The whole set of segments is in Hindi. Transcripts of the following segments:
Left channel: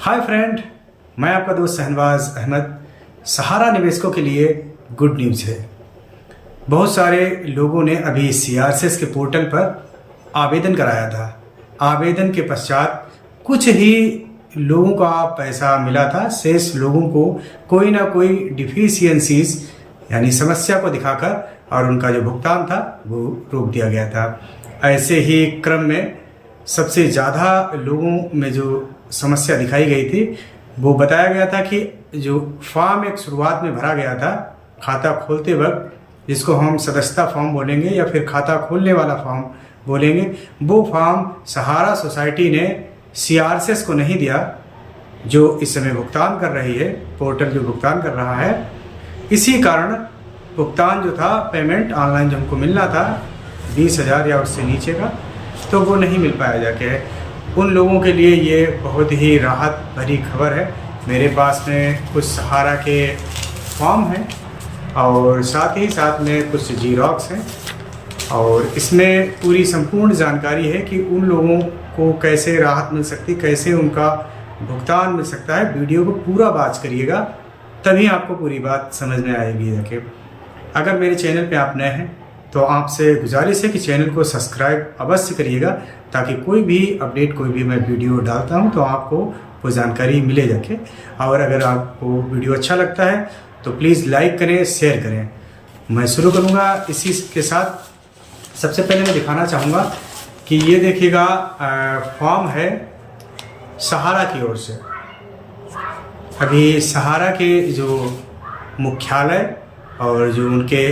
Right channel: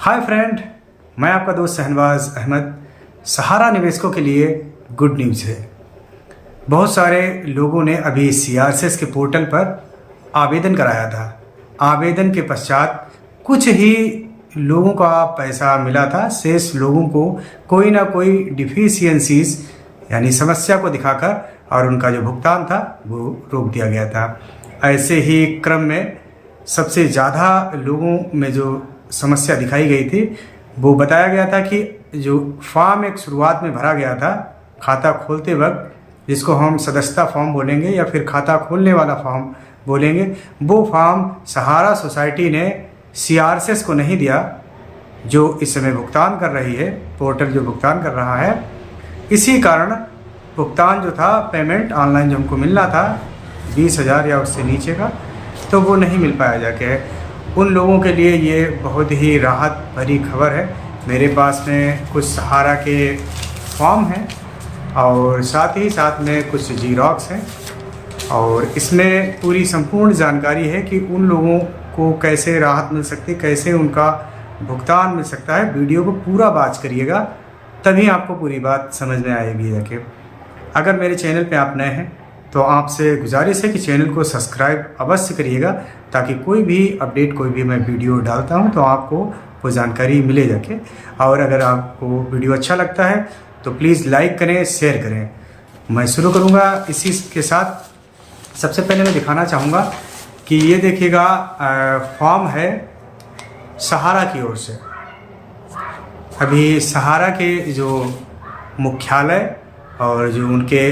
हाय फ्रेंड, मैं आपका दोस्त शहनवाज अहमद। सहारा निवेशकों के लिए गुड न्यूज़ है। बहुत सारे लोगों ने अभी सीआरसीएस के पोर्टल पर आवेदन कराया था। आवेदन के पश्चात कुछ ही लोगों का पैसा मिला था। शेष लोगों को कोई ना कोई डिफिशियंसीज यानी समस्या को दिखाकर और उनका जो भुगतान था वो रोक दिया गया था। ऐसे ही क्रम में सबसे ज़्यादा लोगों में जो समस्या दिखाई गई थी वो बताया गया था कि जो फॉर्म एक शुरुआत में भरा गया था खाता खोलते वक्त, जिसको हम सदस्यता फॉर्म बोलेंगे या फिर खाता खोलने वाला फॉर्म बोलेंगे, वो फॉर्म सहारा सोसाइटी ने सीआरसीएस को नहीं दिया, जो इस समय भुगतान कर रही है। पोर्टल जो भुगतान कर रहा है, इसी कारण भुगतान जो था, पेमेंट ऑनलाइन जो हमको मिलना था 20,000 या उससे नीचे का, तो वो नहीं मिल पाया जाके। उन लोगों के लिए ये बहुत ही राहत भरी खबर है। मेरे पास में कुछ सहारा के फॉर्म हैं और साथ ही साथ में कुछ जीरोक्स हैं और इसमें पूरी संपूर्ण जानकारी है कि उन लोगों को कैसे राहत मिल सकती है, कैसे उनका भुगतान मिल सकता है। वीडियो को पूरा वॉच करिएगा, तभी आपको पूरी बात समझ में आएगी। जाके अगर मेरे चैनल पे आप नए हैं तो आपसे गुजारिश है कि चैनल को सब्सक्राइब अवश्य करिएगा, ताकि कोई भी अपडेट, कोई भी मैं वीडियो डालता हूं तो आपको वो जानकारी मिले जाके। और अगर आपको वीडियो अच्छा लगता है तो प्लीज़ लाइक करें, शेयर करें। मैं शुरू करूंगा इसी के साथ। सबसे पहले मैं दिखाना चाहूँगा कि ये देखिएगा, फॉर्म है सहारा की ओर से। अभी सहारा के जो मुख्यालय और जो उनके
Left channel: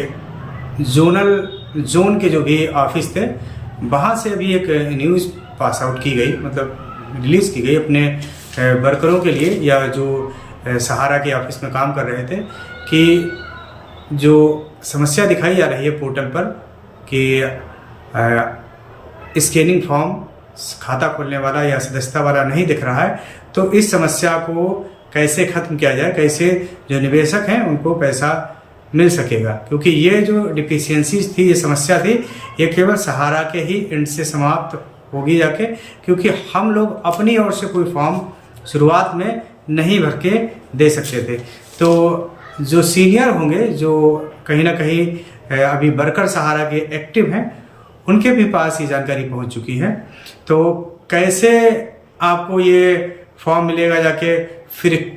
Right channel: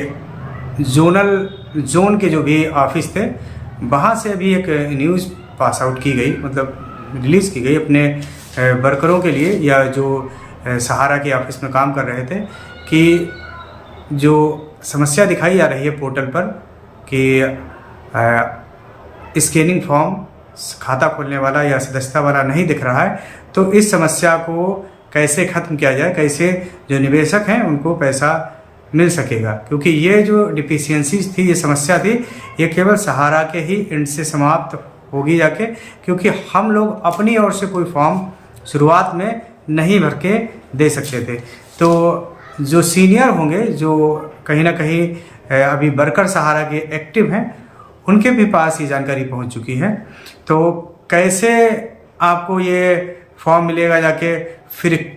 जोन के जो भी ऑफिस थे, वहाँ से अभी एक न्यूज़ पास आउट की गई, मतलब रिलीज़ की गई अपने वर्करों के लिए, या जो सहारा के ऑफिस में काम कर रहे थे, कि जो समस्या दिखाई जा रही है पोर्टल पर कि स्कैनिंग फॉर्म खाता खोलने वाला या सदस्यता वाला नहीं दिख रहा है, तो इस समस्या को कैसे ख़त्म किया जाए, कैसे जो निवेशक हैं उनको पैसा मिल सकेगा। क्योंकि ये जो डिफिशियंसीज थी, ये समस्या थी, ये केवल सहारा के ही एंड से समाप्त होगी जाके, क्योंकि हम लोग अपनी ओर से कोई फॉर्म शुरुआत में नहीं भर के दे सकते थे। तो जो सीनियर होंगे, जो कहीं ना कहीं अभी वर्कर सहारा के एक्टिव हैं, उनके भी पास ये जानकारी पहुंच चुकी है। तो कैसे आपको ये फॉर्म मिलेगा जाके, फिर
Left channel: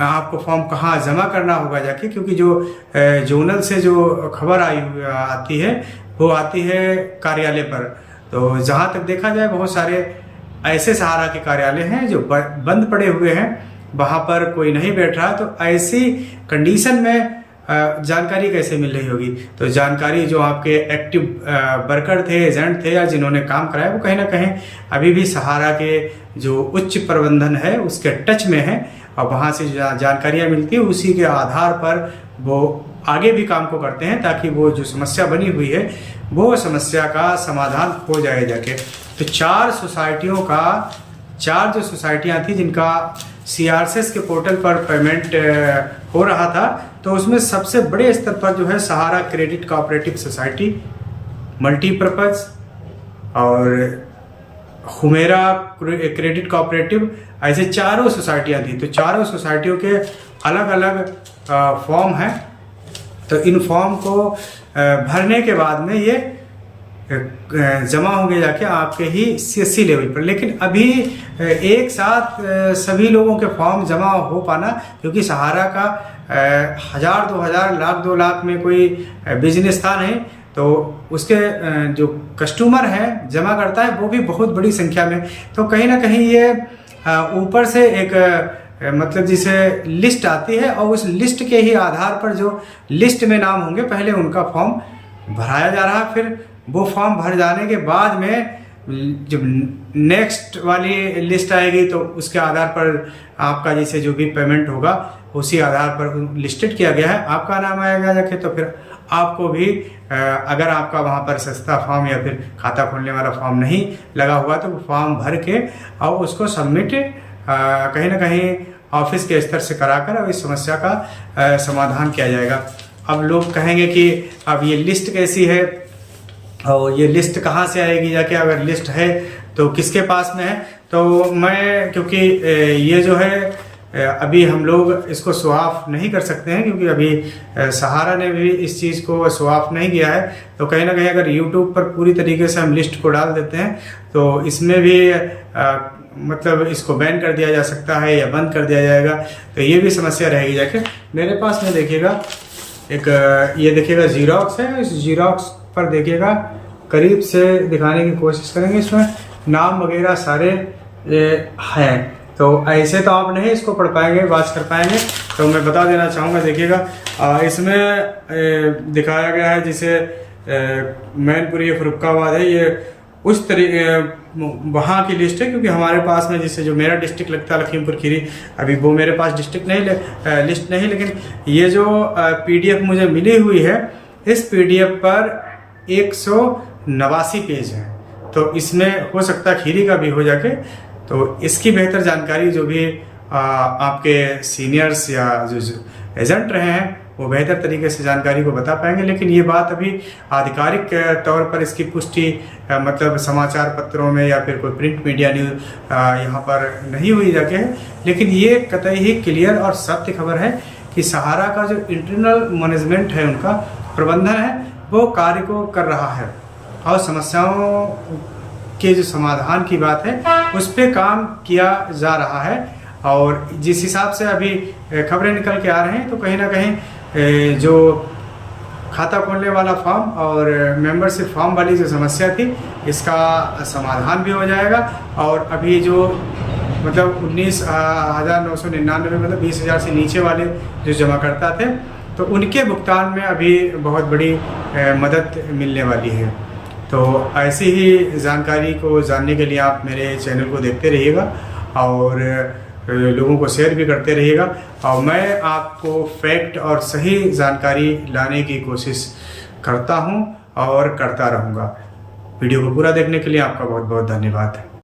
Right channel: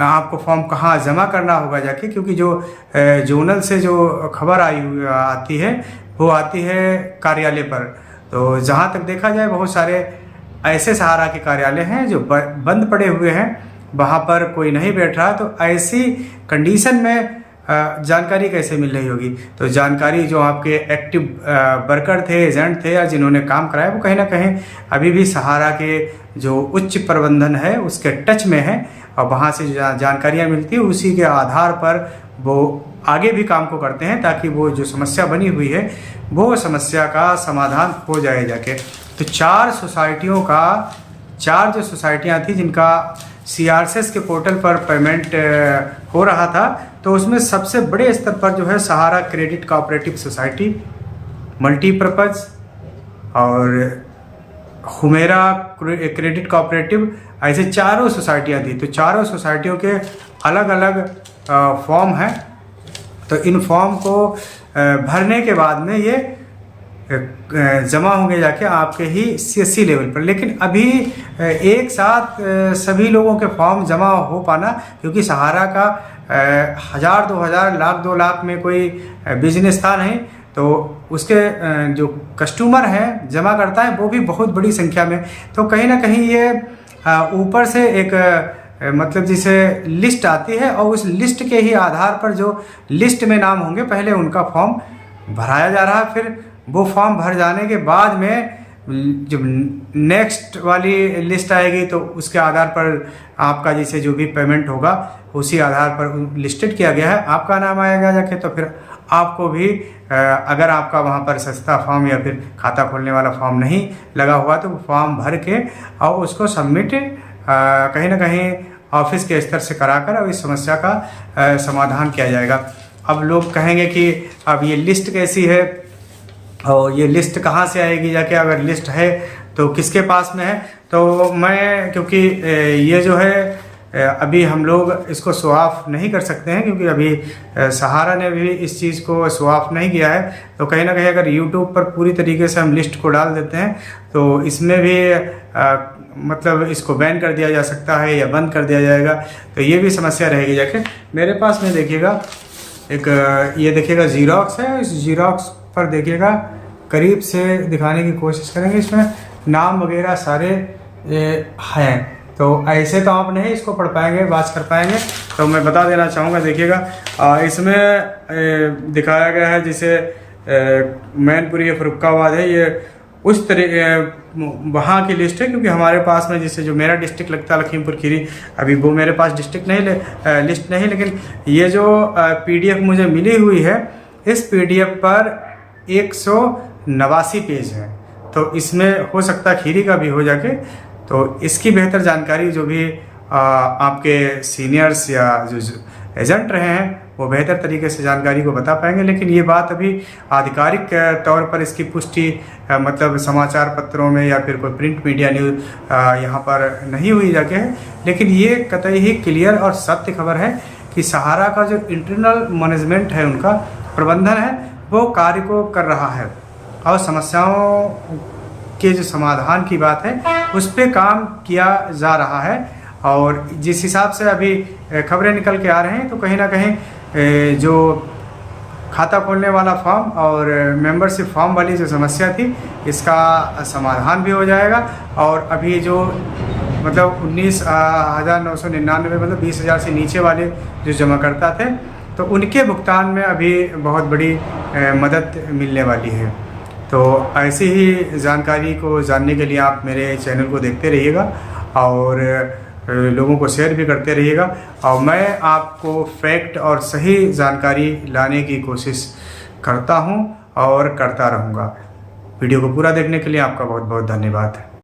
आपको फॉर्म कहाँ जमा करना होगा जाके, क्योंकि जो जोनल से जो खबर आती है वो आती है कार्यालय पर। तो जहाँ तक देखा जाए, बहुत सारे ऐसे सहारा के कार्यालय हैं जो बंद पड़े हुए हैं, वहाँ पर कोई नहीं बैठ रहा। तो ऐसी कंडीशन में जानकारी कैसे मिल रही होगी? तो जानकारी जो आपके एक्टिव वर्कर थे, एजेंट थे, या जिन्होंने काम कराया, वो कहीं ना कहीं अभी भी सहारा के जो उच्च प्रबंधन है उसके टच में है, और वहाँ से जानकारियाँ मिलती है, उसी के आधार पर वो आगे भी काम को करते हैं, ताकि वो जो समस्या बनी हुई है वो समस्या का समाधान हो जाए जाके। तो चार जो सोसाइटियाँ थी जिनका सीआरसीएस के पोर्टल पर पेमेंट हो रहा था, तो उसमें सबसे बड़े स्तर पर जो है सहारा क्रेडिट कोऑपरेटिव सोसाइटी, मल्टीपर्पज और हुमेरा क्रेडिट कोऑपरेटिव, ऐसे चारों सोसाइटियाँ थी। तो चारों सोसाइटियों के अलग अलग फॉर्म हैं। तो इन फॉर्म को भरने के बाद में ये जमा होंगे जाके आपके ही सीएससी लेवल पर। लेकिन अभी एक साथ सभी लोगों के फॉर्म जमा हो पाना, क्योंकि सहारा का 1,000, 2,000, लाख, 2 लाख में कोई बिजनेस था नहीं, तो उसके जो कस्टमर हैं, जमा करता है, वो भी बहुत बड़ी संख्या में। तो कहीं ना कहीं ये ऊपर से एक मतलब जिसे लिस्ट आती है, और उस लिस्ट के ही आधार पर जो लिस्ट में नाम होंगे, पहले उनका फॉर्म भराया जा रहा है। फिर वो फॉर्म भर जाने के बाद में जब नेक्स्ट वाली लिस्ट आएगी, तो उसके आधार पर आपका जैसे जो भी पेमेंट होगा उसी आधार पर लिस्टेड किया गया है, आपका नाम आएगा जाके। तो फिर आपको भी अगर आपका वहाँ पर सस्ता फॉर्म या फिर खाता खोलने वाला फॉर्म नहीं लगा हुआ, तो वो फॉर्म भर के और उसको सबमिट कहीं ना कहीं ऑफिस के स्तर से कराकर अब इस समस्या का समाधान किया जाएगा। अब लोग कहेंगे कि अब ये लिस्ट कैसी है और ये लिस्ट कहाँ से आएगी जाके, अगर लिस्ट है तो किसके पास में है? तो मैं क्योंकि ये जो है अभी हम लोग इसको शो ऑफ नहीं कर सकते हैं, क्योंकि अभी सहारा ने भी इस चीज़ को शो ऑफ नहीं किया है। तो कहीं ना कहीं अगर यूट्यूब पर पूरी तरीके से हम लिस्ट को डाल देते हैं तो इसमें भी मतलब इसको बैन कर दिया जा सकता है या बंद कर दिया जाएगा, तो ये भी समस्या रहेगी। जाके मेरे पास में देखिएगा एक ये देखिएगा जीरोक्स है, इस जीरोक्स पर देखिएगा करीब से दिखाने की कोशिश करेंगे। इसमें नाम वगैरह सारे हैं, तो ऐसे तो आप नहीं इसको पढ़ पाएंगे, वाच कर पाएंगे। तो मैं बता देना चाहूँगा, देखिएगा इसमें दिखाया गया है जैसे मैनपुरी फरुखाबाद है, ये उस तरह वहाँ की लिस्ट है, क्योंकि हमारे पास में जैसे जो मेरा डिस्ट्रिक्ट लगता है लखीमपुर खीरी, अभी वो मेरे पास डिस्ट्रिक्ट नहीं लिस्ट नहीं, लेकिन ये जो PDF मुझे मिली हुई है, इस PDF पर 189 पेज हैं। तो इसमें हो सकता है खीरी का भी हो जाके, तो इसकी बेहतर जानकारी जो भी आपके सीनियर्स या जो एजेंट रहे हैं वो बेहतर तरीके से जानकारी को बता पाएंगे। लेकिन ये बात अभी आधिकारिक तौर पर इसकी पुष्टि मतलब समाचार पत्रों में या फिर कोई प्रिंट मीडिया न्यूज यहाँ पर नहीं हुई जाके है। लेकिन ये कतई ही क्लियर और सत्य खबर है कि सहारा का जो इंटरनल मैनेजमेंट है, उनका प्रबंधन है, वो कार्य को कर रहा है और समस्याओं के जो समाधान की बात है उस पर काम किया जा रहा है। और जिस हिसाब से अभी खबरें निकल के आ रहे हैं, तो कहीं ना कहीं जो खाता खोलने वाला फॉर्म और मेंबरशिप फॉर्म वाली जो समस्या थी, इसका समाधान भी हो जाएगा। और अभी जो मतलब 19,999 मतलब 20,000 से नीचे वाले जो जमाकर्ता थे, तो उनके भुगतान में अभी बहुत बड़ी मदद मिलने वाली है। तो ऐसी ही जानकारी को जानने के लिए आप मेरे चैनल को देखते रहिएगा और लोगों को शेयर भी करते रहिएगा। और मैं आपको फैक्ट और सही जानकारी लाने की कोशिश करता हूं और करता रहूंगा। वीडियो को पूरा देखने के लिए आपका बहुत बहुत धन्यवाद।